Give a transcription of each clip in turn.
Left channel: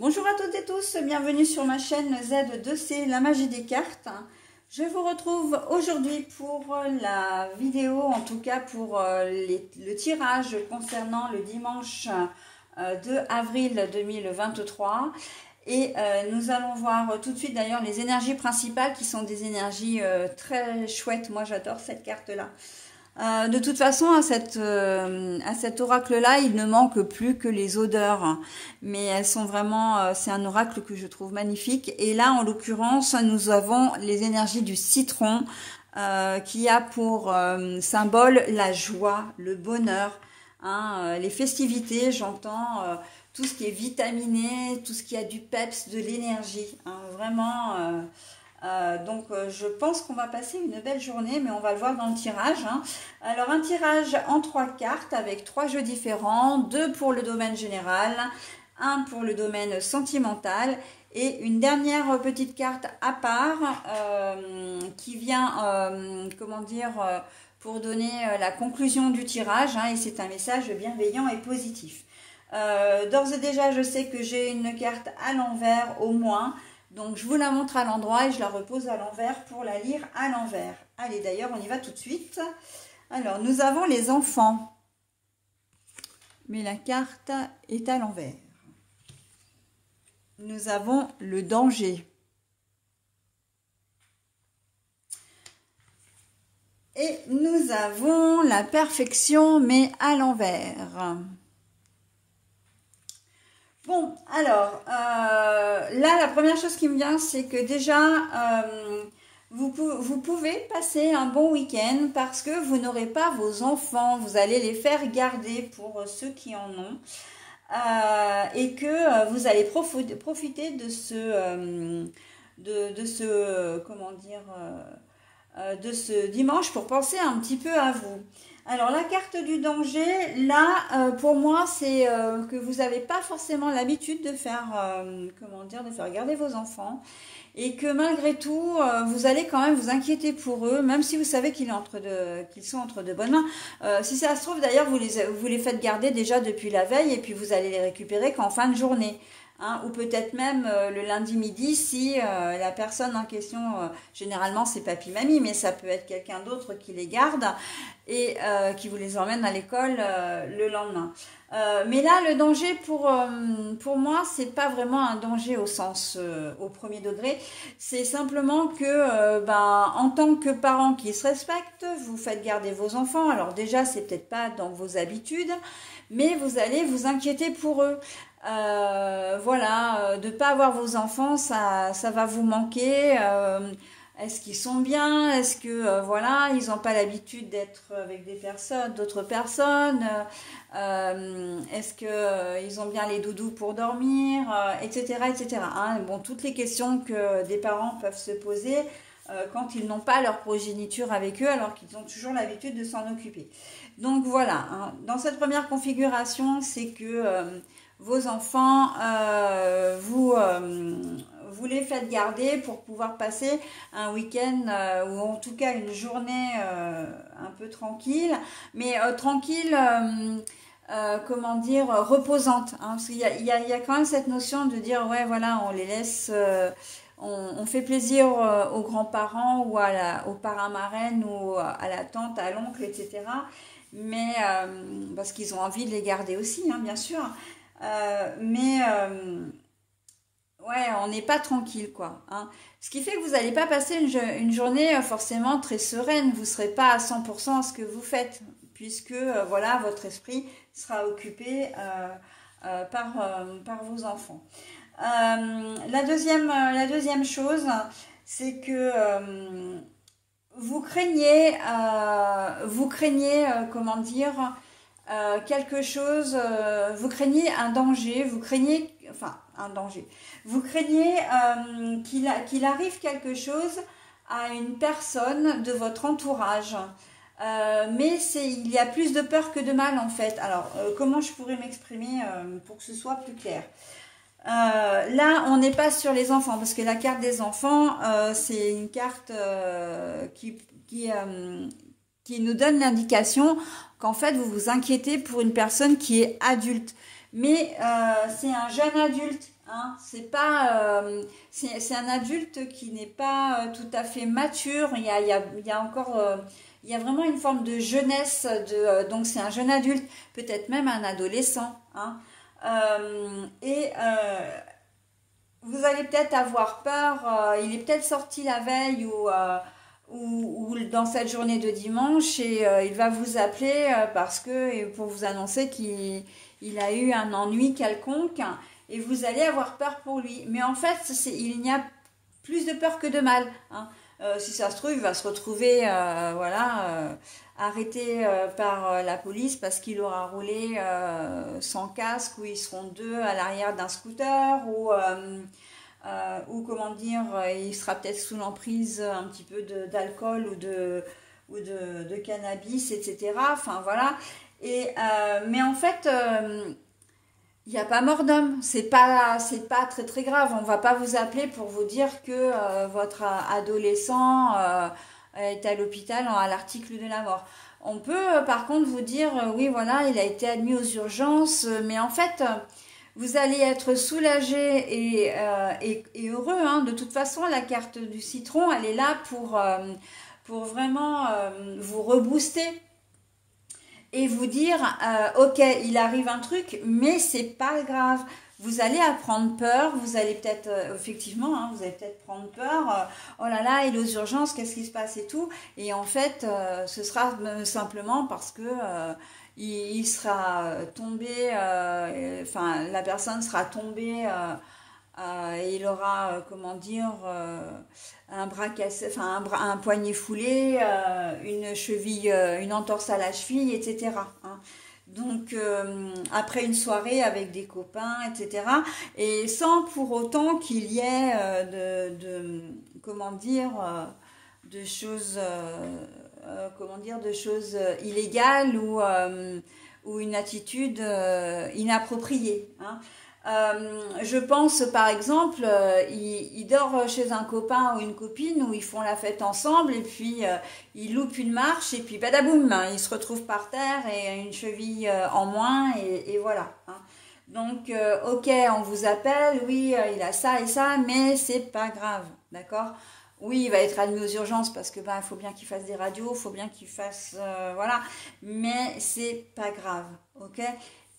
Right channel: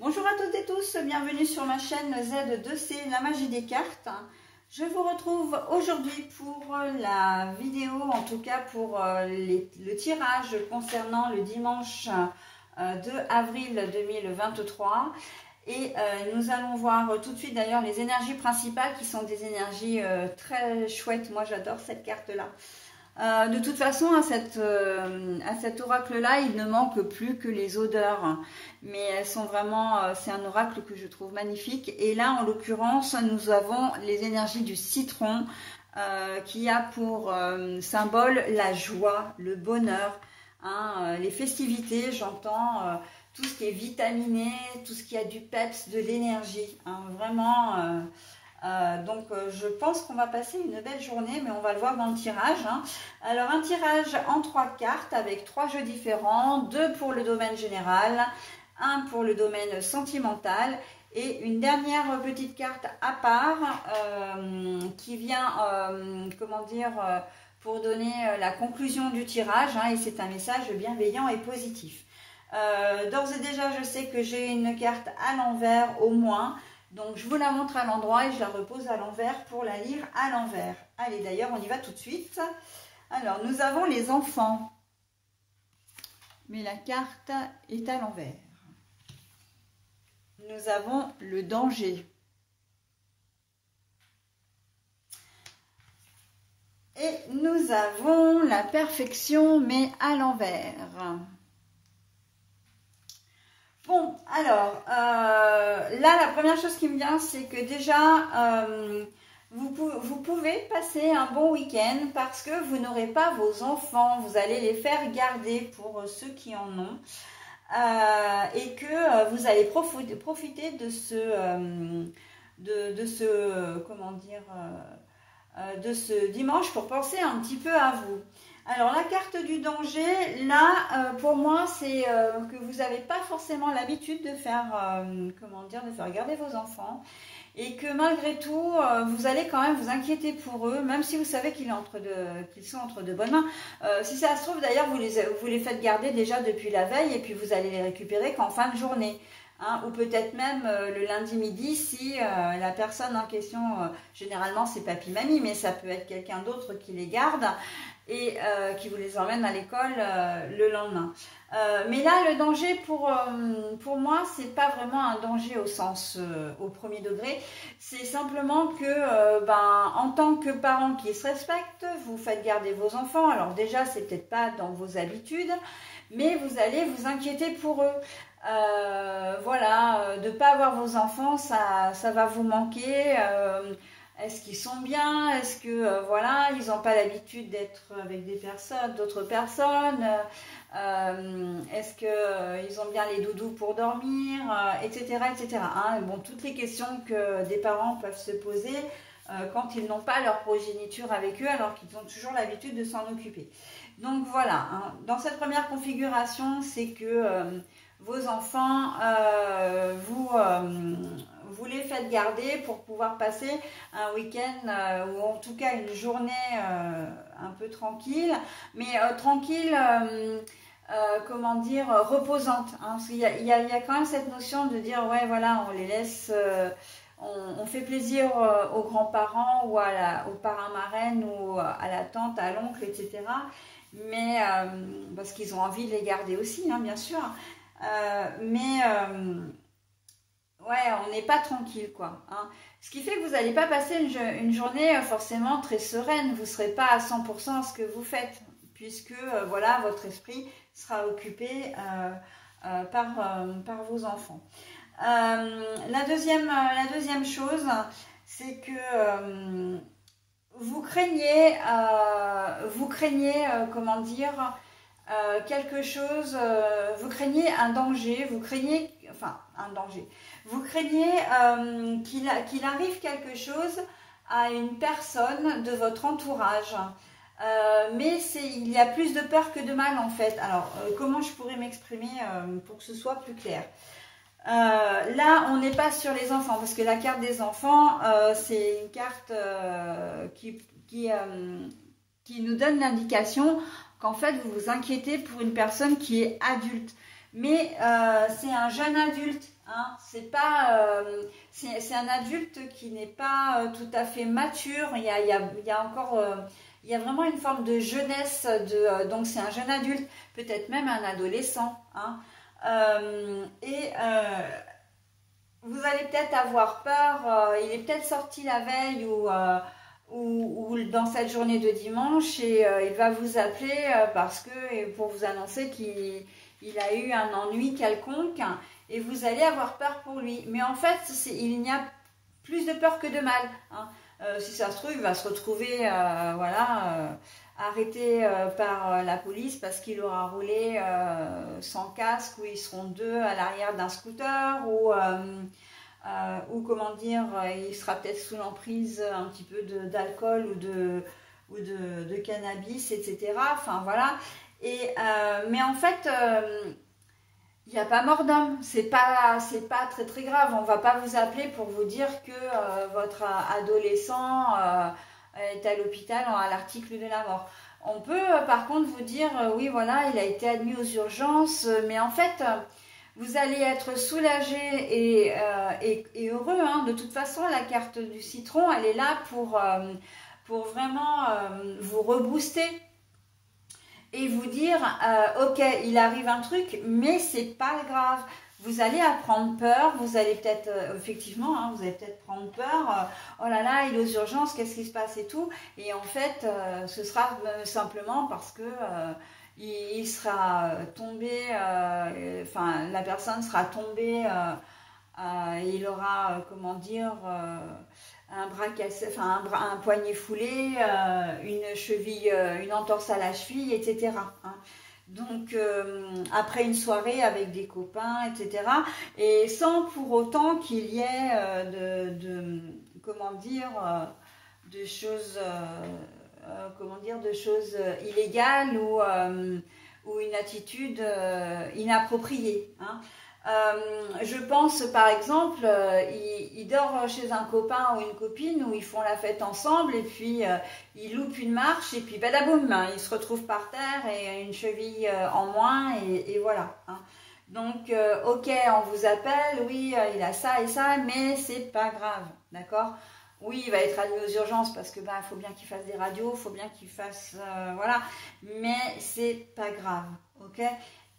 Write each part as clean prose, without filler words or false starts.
Bonjour à toutes et tous, bienvenue sur ma chaîne Z2C, la magie des cartes. Je vous retrouve aujourd'hui pour la vidéo, en tout cas pour le tirage concernant le dimanche 2 avril 2023. Et nous allons voir tout de suite d'ailleurs les énergies principales qui sont des énergies très chouettes. Moi j'adore cette carte-là. De toute façon, à cet oracle-là, il ne manque plus que les odeurs. Mais elles sont vraiment... c'est un oracle que je trouve magnifique. Et là, en l'occurrence, nous avons les énergies du citron qui a pour symbole la joie, le bonheur, hein, les festivités, j'entends tout ce qui est vitaminé, tout ce qui a du peps, de l'énergie. Hein, vraiment... donc je pense qu'on va passer une belle journée, mais on va le voir dans le tirage, hein. Alors un tirage en 3 cartes avec 3 jeux différents, 2 pour le domaine général, 1 pour le domaine sentimental et une dernière petite carte à part qui vient, comment dire, pour donner la conclusion du tirage, hein, et c'est un message bienveillant et positif. D'ores et déjà je sais que j'ai une carte à l'envers au moins. Donc, je vous la montre à l'endroit et je la repose à l'envers pour la lire à l'envers. Allez, d'ailleurs, on y va tout de suite. Alors, nous avons les enfants. Mais la carte est à l'envers. Nous avons le danger. Et nous avons la perfection, mais à l'envers. Bon, alors, là, la première chose qui me vient, c'est que déjà, vous pouvez passer un bon week-end parce que vous n'aurez pas vos enfants, vous allez les faire garder pour ceux qui en ont, et que vous allez profiter de comment dire, de ce dimanche pour penser un petit peu à vous. Alors, la carte du danger, là, pour moi, c'est que vous n'avez pas forcément l'habitude de faire, comment dire, de faire garder vos enfants. Et que malgré tout, vous allez quand même vous inquiéter pour eux, même si vous savez qu'ils sont entre de bonnes mains. Si ça se trouve, d'ailleurs, vous les faites garder déjà depuis la veille et puis vous allez les récupérer qu'en fin de journée. Hein, ou peut-être même le lundi midi si la personne en question, généralement c'est papy-mamie, mais ça peut être quelqu'un d'autre qui les garde et qui vous les emmène à l'école le lendemain. Mais là, le danger pour moi, c'est pas vraiment un danger au sens au premier degré. C'est simplement que, en tant que parents qui se respectent, vous faites garder vos enfants. Alors déjà, c'est peut-être pas dans vos habitudes, mais vous allez vous inquiéter pour eux. Voilà, de ne pas avoir vos enfants, ça va vous manquer. Est-ce qu'ils sont bien? Est-ce que, voilà, ils n'ont pas l'habitude d'être avec d'autres personnes? Est-ce qu'ils ont bien les doudous pour dormir? Etc. etc. Hein. Bon, toutes les questions que des parents peuvent se poser quand ils n'ont pas leur progéniture avec eux, alors qu'ils ont toujours l'habitude de s'en occuper. Donc voilà, hein. Dans cette première configuration, c'est que vos enfants, vous les faites garder pour pouvoir passer un week-end ou en tout cas une journée un peu tranquille, mais tranquille, comment dire, reposante. Hein, parce qu'il y a quand même cette notion de dire, ouais, voilà, on les laisse... on fait plaisir aux grands-parents ou aux parrains-marraines ou à la tante, à l'oncle, etc. Mais parce qu'ils ont envie de les garder aussi, hein, bien sûr. Ouais, on n'est pas tranquille, quoi. Hein. Ce qui fait que vous n'allez pas passer une journée forcément très sereine. Vous ne serez pas à 100% ce que vous faites, puisque voilà, votre esprit sera occupé par vos enfants. La deuxième chose, c'est que vous craignez, comment dire, quelque chose, vous craignez un danger, vous craignez qu'il arrive quelque chose à une personne de votre entourage. Mais il y a plus de peur que de mal en fait. Alors, comment je pourrais m'exprimer pour que ce soit plus clair? Là, on n'est pas sur les enfants, parce que la carte des enfants, c'est une carte qui nous donne l'indication qu'en fait, vous vous inquiétez pour une personne qui est adulte. Mais c'est un jeune adulte, Hein, c'est pas, c'est un adulte qui n'est pas tout à fait mature. Il y a encore, il y a vraiment une forme de jeunesse. Donc c'est un jeune adulte, peut-être même un adolescent. Hein, vous allez peut-être avoir peur. Il est peut-être sorti la veille ou dans cette journée de dimanche et il va vous appeler pour vous annoncer qu'il a eu un ennui quelconque. Et vous allez avoir peur pour lui. Mais en fait, il n'y a plus de peur que de mal. Hein. Si ça se trouve, il va se retrouver arrêté par la police parce qu'il aura roulé sans casque, ou ils seront deux à l'arrière d'un scooter, ou comment dire, il sera peut-être sous l'emprise un petit peu d'alcool ou de cannabis, etc. Enfin, voilà. Mais en fait... il n'y a pas mort d'homme, c'est pas très très grave. On ne va pas vous appeler pour vous dire que votre adolescent est à l'hôpital à l'article de la mort. On peut par contre vous dire, oui voilà, il a été admis aux urgences, mais en fait, vous allez être soulagé et heureux. Hein. De toute façon, la carte du citron, elle est là pour vraiment vous rebooster. Et vous dire, ok, il arrive un truc, mais c'est pas grave. Vous allez prendre peur, vous allez peut-être, effectivement, hein, vous allez peut-être prendre peur. Oh là là, il est aux urgences, qu'est-ce qui se passe et tout. Et en fait, ce sera simplement parce que il sera tombé, enfin, la personne sera tombée et il aura, comment dire... un bras cassé, enfin un poignet foulé, une cheville, une entorse à la cheville, etc. Hein. Donc après une soirée avec des copains, etc. Et sans pour autant qu'il y ait comment dire, de choses, de choses illégales ou une attitude inappropriée. Hein. Je pense par exemple, il dort chez un copain ou une copine où ils font la fête ensemble et puis il loupe une marche et puis badaboum, il se retrouve par terre et une cheville en moins et voilà. Hein. Donc ok, on vous appelle, oui, il a ça et ça, mais c'est pas grave, d'accord? Oui, il va être admis aux urgences parce que il faut bien qu'il fasse des radios, il faut bien qu'il fasse voilà, mais c'est pas grave, ok?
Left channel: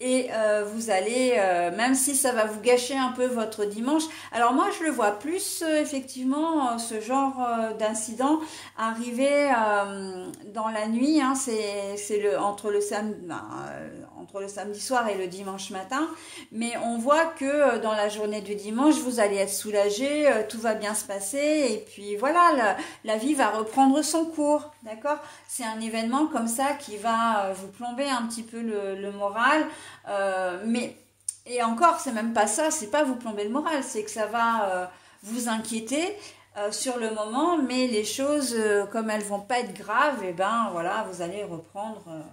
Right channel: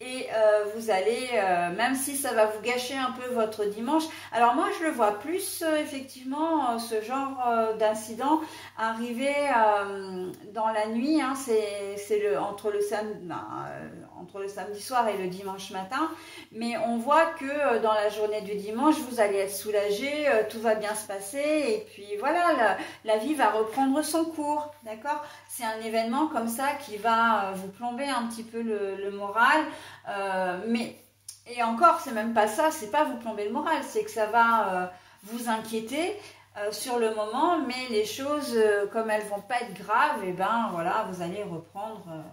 Et vous allez, même si ça va vous gâcher un peu votre dimanche, alors moi je le vois plus effectivement ce genre d'incident arriver dans la nuit, hein, c'est entre le samedi soir et le dimanche matin, mais on voit que dans la journée du dimanche vous allez être soulagé, tout va bien se passer et puis voilà, la vie va reprendre son cours, d'accord? C'est un événement comme ça qui va vous plomber un petit peu le moral. Et encore, c'est même pas ça, c'est pas vous plomber le moral, c'est que ça va vous inquiéter sur le moment, mais les choses, comme elles vont pas être graves, et ben voilà, vous allez reprendre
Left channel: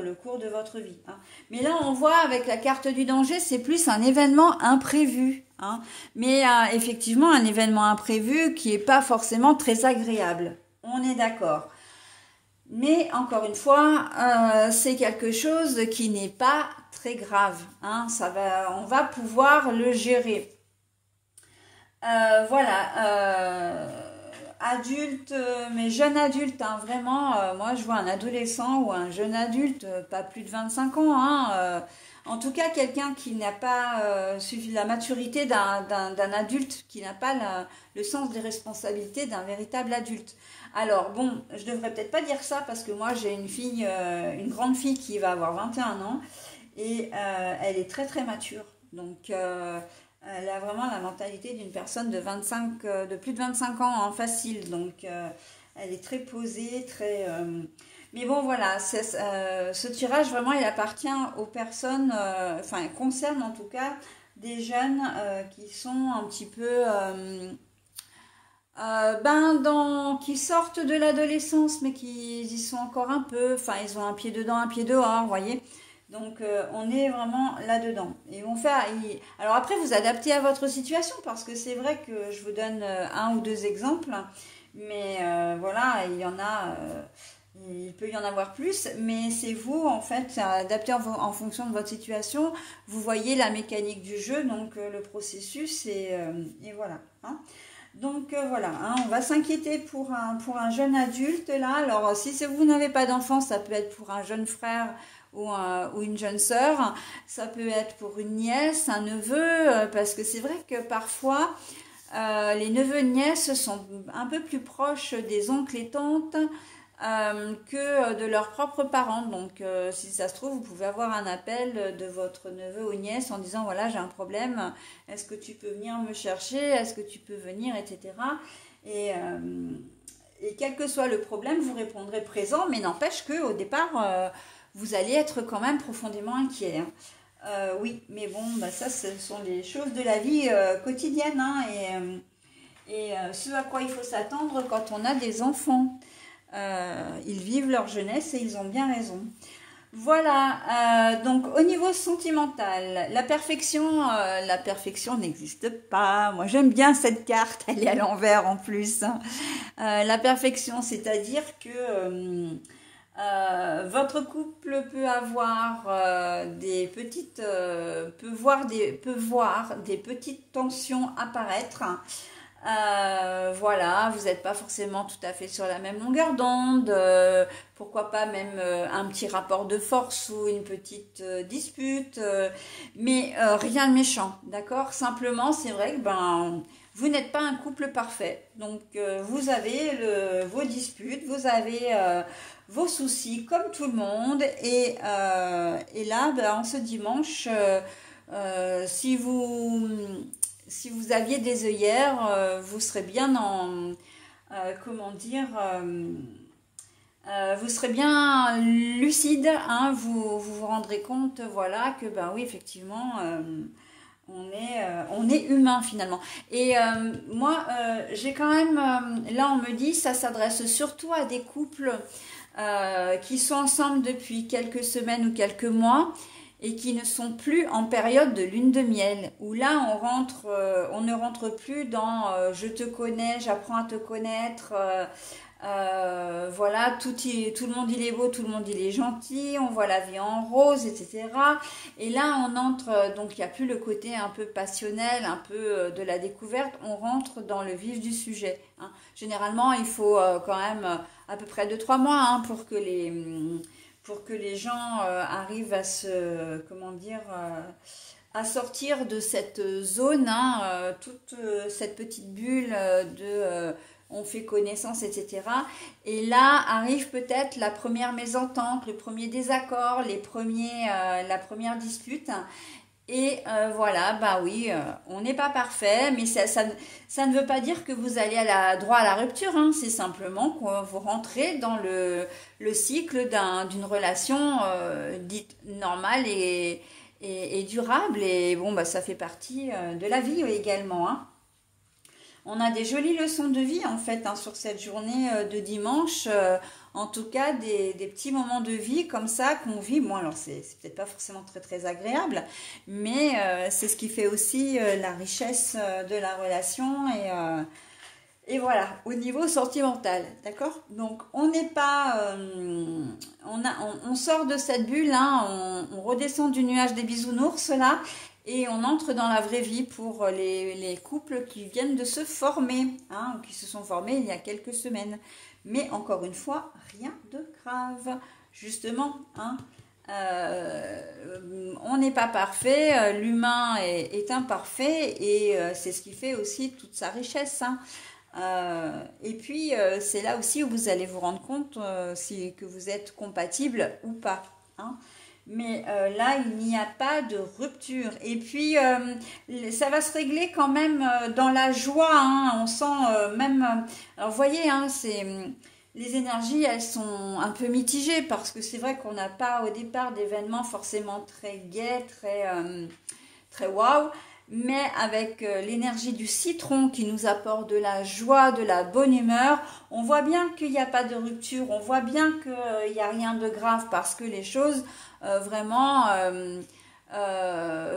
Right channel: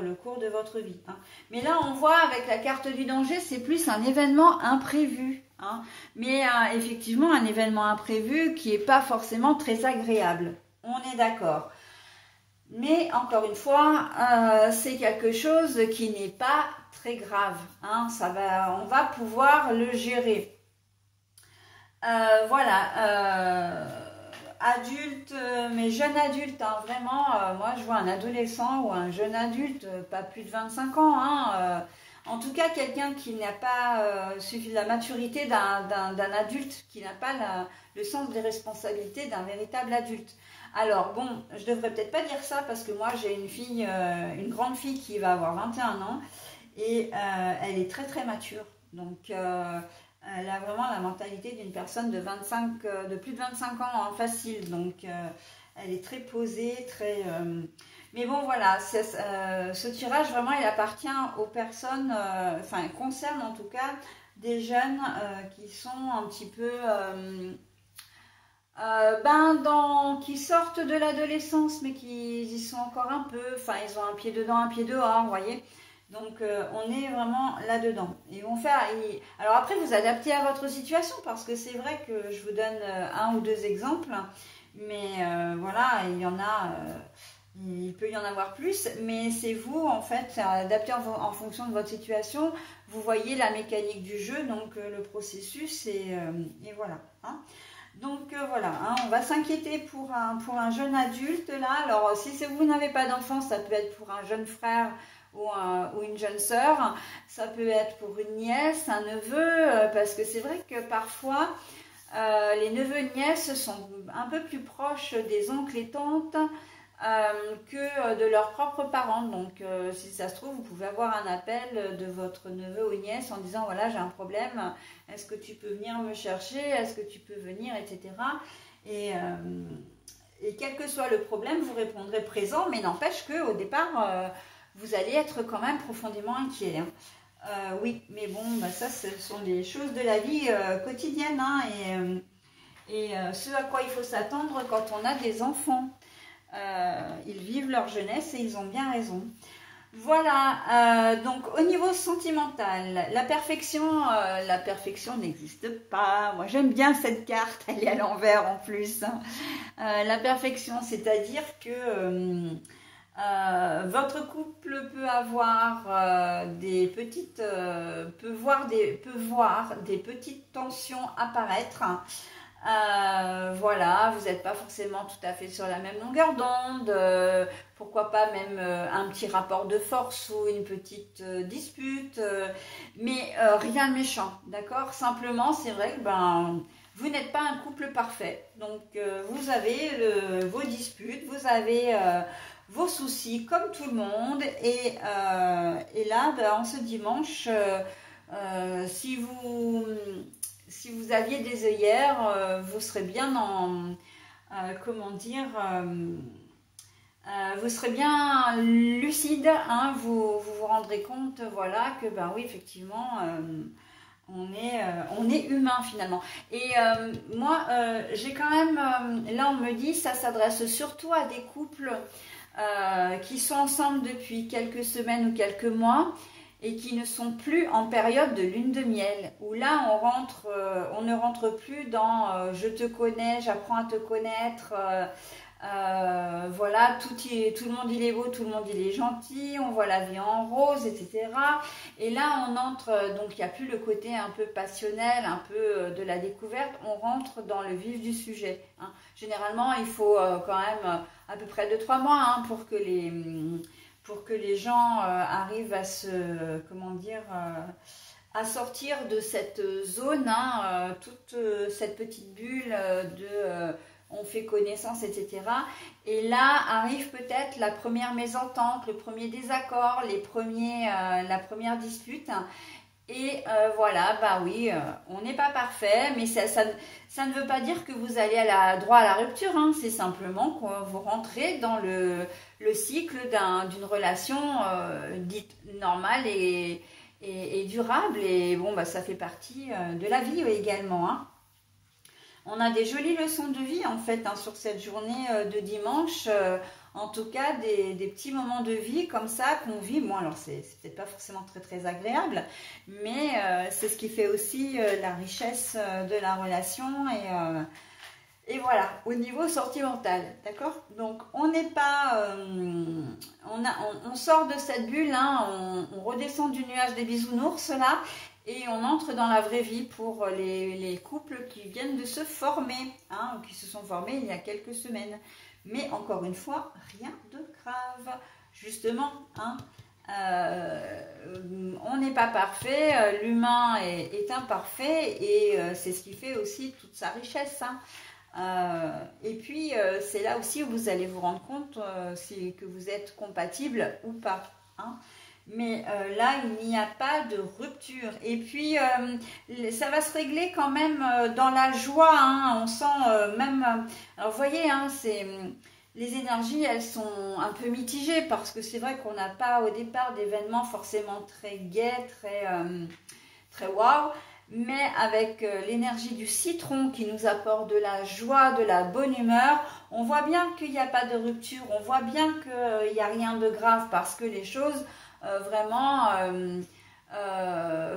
le cours de votre vie. Hein. Mais là, on voit avec la carte du danger, c'est plus un événement imprévu. Hein. Mais effectivement, un événement imprévu qui n'est pas forcément très agréable. On est d'accord. Mais encore une fois, c'est quelque chose qui n'est pas très grave. Hein, on va pouvoir le gérer. Voilà. Adulte, mais jeune adulte, hein, vraiment, moi je vois un adolescent ou un jeune adulte, pas plus de 25 ans. Hein, en tout cas, quelqu'un qui n'a pas suffi la maturité d'un adulte, qui n'a pas le sens des responsabilités d'un véritable adulte. Alors bon, je devrais peut-être pas dire ça parce que moi j'ai une fille, une grande fille qui va avoir 21 ans et elle est très très mature. Donc elle a vraiment la mentalité d'une personne de plus de 25 ans en facile. Donc elle est très posée, très... Mais bon voilà, ce tirage vraiment il appartient aux personnes, enfin concerne en tout cas des jeunes qui sont un petit peu... qui sortent de l'adolescence mais qui y sont encore un peu, enfin ils ont un pied dedans, un pied dehors, vous voyez. Donc on est vraiment là-dedans. Ils vont faire. Alors après vous adaptez à votre situation parce que c'est vrai que je vous donne un ou deux exemples, mais voilà, il y en Il peut y en avoir plus, mais c'est vous, en fait, c'est adapté en fonction de votre situation. Vous voyez la mécanique du jeu, donc le processus, et voilà. Hein. Donc voilà, hein, on va s'inquiéter pour un jeune adulte, là. Alors, si vous n'avez pas d'enfant, ça peut être pour un jeune frère ou une jeune sœur. Ça peut être pour une nièce, un neveu, parce que c'est vrai que parfois, les neveux et nièces sont un peu plus proches des oncles et tantes, que de leurs propres parents. Donc si ça se trouve, vous pouvez avoir un appel de votre neveu ou nièce en disant voilà, j'ai un problème, est-ce que tu peux venir me chercher, est-ce que tu peux venir, etc. Et quel que soit le problème, vous répondrez présent, mais n'empêche qu'au départ, vous allez être quand même profondément inquiet. Hein. Oui, mais bon, bah ça, ce sont des choses de la vie quotidienne, hein, et ce à quoi il faut s'attendre quand on a des enfants. Ils vivent leur jeunesse et ils ont bien raison. Voilà, donc au niveau sentimental, la perfection n'existe pas. Moi j'aime bien cette carte, elle est à l'envers en plus. La perfection, c'est-à-dire que votre couple peut avoir peut voir des petites tensions apparaître. Voilà, vous n'êtes pas forcément tout à fait sur la même longueur d'onde, pourquoi pas même un petit rapport de force ou une petite dispute, mais rien de méchant, d'accord? Simplement, c'est vrai que vous n'êtes pas un couple parfait, donc vous avez vos disputes, vous avez vos soucis comme tout le monde, et là, en ce dimanche, si vous aviez des œillères, vous serez bien vous serez bien lucide, hein, vous rendrez compte, voilà, que oui, effectivement, on est humain finalement. Et moi, j'ai quand même, là on me dit, ça s'adresse surtout à des couples qui sont ensemble depuis quelques semaines ou quelques mois, et qui ne sont plus en période de lune de miel, où là on ne rentre plus dans je te connais, j'apprends à te connaître, voilà, tout le monde il est beau, tout le monde il est gentil, on voit la vie en rose, etc. Et là on entre, donc il n'y a plus le côté un peu passionnel, un peu de la découverte, on rentre dans le vif du sujet. Hein. Généralement il faut quand même à peu près 2-3 mois, hein, pour que les gens arrivent à à sortir de cette zone, hein, toute cette petite bulle de on fait connaissance, etc. Et là arrive peut-être la première mésentente, le premier désaccord, la première dispute. Et voilà, oui, on n'est pas parfait, mais ça ne veut pas dire que vous allez droit à la rupture, hein. C'est simplement que vous rentrez dans le cycle d'une relation dite normale et durable. Et bon, ça fait partie de la vie également, hein. On a des jolies leçons de vie en fait, hein, sur cette journée de dimanche. En tout cas, des petits moments de vie comme ça qu'on vit. Bon, alors c'est peut-être pas forcément très très agréable, mais c'est ce qui fait aussi la richesse de la relation, et voilà, au niveau sentimental, d'accord? Donc on n'est pas, on sort de cette bulle, hein, on redescend du nuage des bisounours là, et on entre dans la vraie vie pour les couples qui viennent de se former, hein, ou qui se sont formés il y a quelques semaines. Mais encore une fois, rien de grave, justement, hein. On n'est pas parfait, l'humain est imparfait, et c'est ce qui fait aussi toute sa richesse, hein. Et puis c'est là aussi où vous allez vous rendre compte que vous êtes compatible ou pas, hein. Mais là, il n'y a pas de rupture. Et puis, ça va se régler quand même dans la joie, hein. On sent même... alors, vous voyez, hein, les énergies, elles sont un peu mitigées, parce que c'est vrai qu'on n'a pas au départ d'événements forcément très gais, très waouh. Mais avec l'énergie du citron qui nous apporte de la joie, de la bonne humeur, on voit bien qu'il n'y a pas de rupture, on voit bien qu'il n'y a rien de grave, parce que les choses vraiment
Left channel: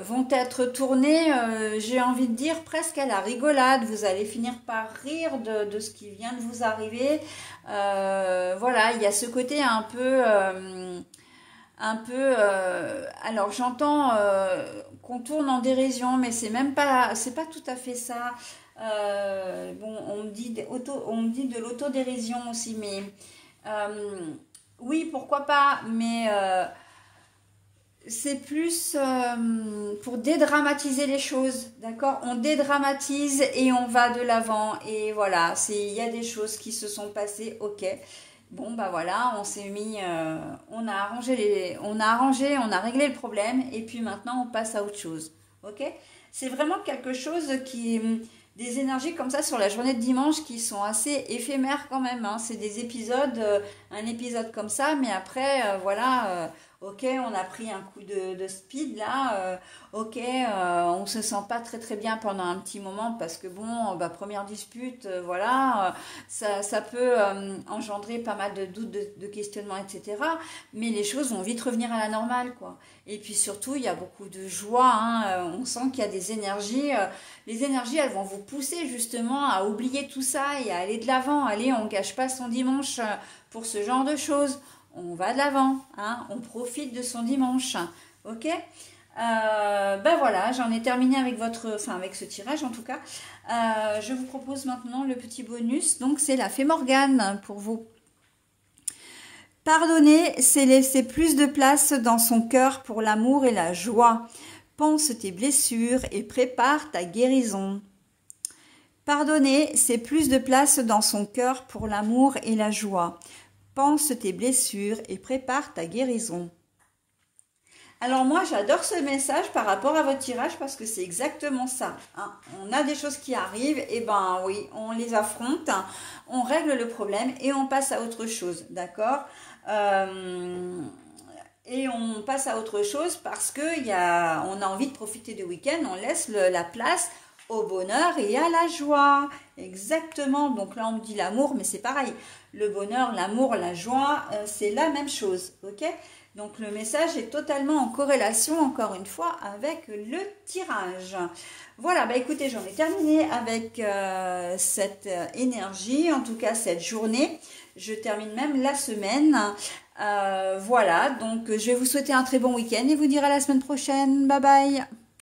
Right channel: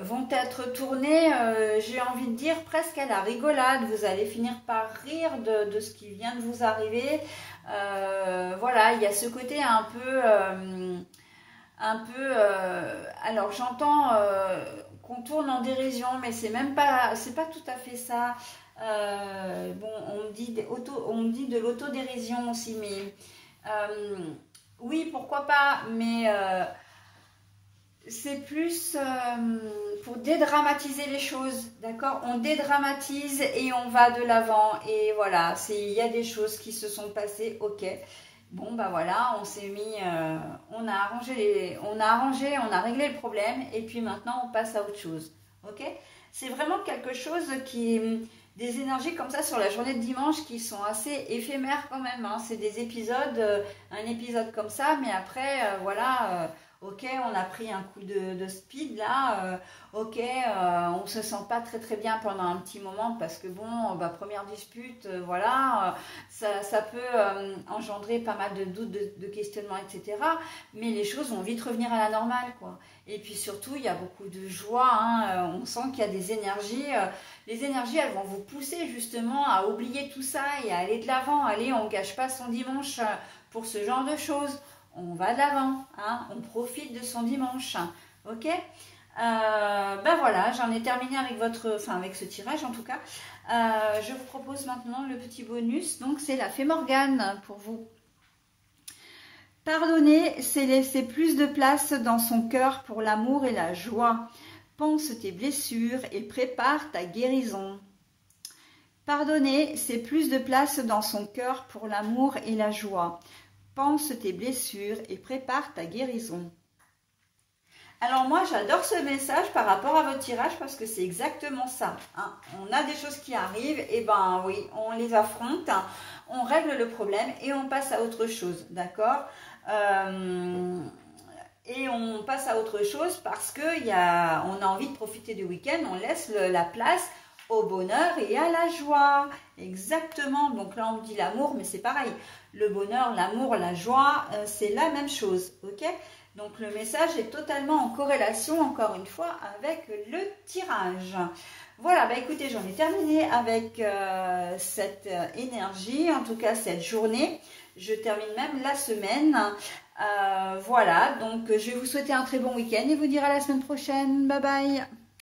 vont vont être tournées, j'ai envie de dire, presque à la rigolade. Vous allez finir par rire de ce qui vient de vous arriver. Voilà, il y a ce côté un peu... alors j'entends qu'on tourne en dérision, mais c'est pas tout à fait ça. Bon, on me dit de l'autodérision aussi, mais oui, pourquoi pas, mais c'est plus pour dédramatiser les choses, d'accord? On dédramatise et on va de l'avant, et voilà, il y a des choses qui se sont passées, ok. Bon, bah voilà, on s'est mis, on a arrangé, on a réglé le problème, et puis maintenant on passe à autre chose, ok? C'est vraiment quelque chose qui, des énergies comme ça sur la journée de dimanche qui sont assez éphémères quand même, hein. C'est des épisodes, un épisode comme ça, mais après, voilà, ok, on a pris un coup de speed là, ok, on se sent pas très bien pendant un petit moment parce que bon, bah, première dispute, voilà, ça peut engendrer pas mal de doutes, de questionnements, etc. Mais les choses vont vite revenir à la normale, quoi. Et puis surtout, il y a beaucoup de joie, hein, on sent qu'il y a des énergies, les énergies, elles vont vous pousser justement à oublier tout ça et à aller de l'avant. Allez, on gâche pas son dimanche pour ce genre de choses. On va de l'avant, hein, on profite de son dimanche, ok? Ben voilà, j'en ai terminé avec avec ce tirage en tout cas. Je vous propose maintenant le petit bonus, donc c'est la Fée Morgane pour vous. Pardonner, c'est laisser plus de place dans son cœur pour l'amour et la joie. Pense tes blessures et prépare ta guérison. Pardonner, c'est plus de place dans son cœur pour l'amour et la joie. Pense tes blessures et prépare ta guérison. Alors moi, j'adore ce message par rapport à votre tirage parce que c'est exactement ça, hein. On a des choses qui arrivent, et ben oui, on les affronte, on règle le problème et on passe à autre chose, d'accord? Et on passe à autre chose parce que on a envie de profiter du week-end, on laisse la place au bonheur et à la joie. Exactement, donc là on me dit l'amour, mais c'est pareil. Le bonheur, l'amour, la joie, c'est la même chose, ok? Donc le message est totalement en corrélation, encore une fois, avec le tirage. Voilà, bah écoutez, j'en ai terminé avec cette énergie, en tout cas cette journée. Je termine même la semaine. Voilà, donc je vais vous souhaiter un très bon week-end et vous dire à la semaine prochaine. Bye bye!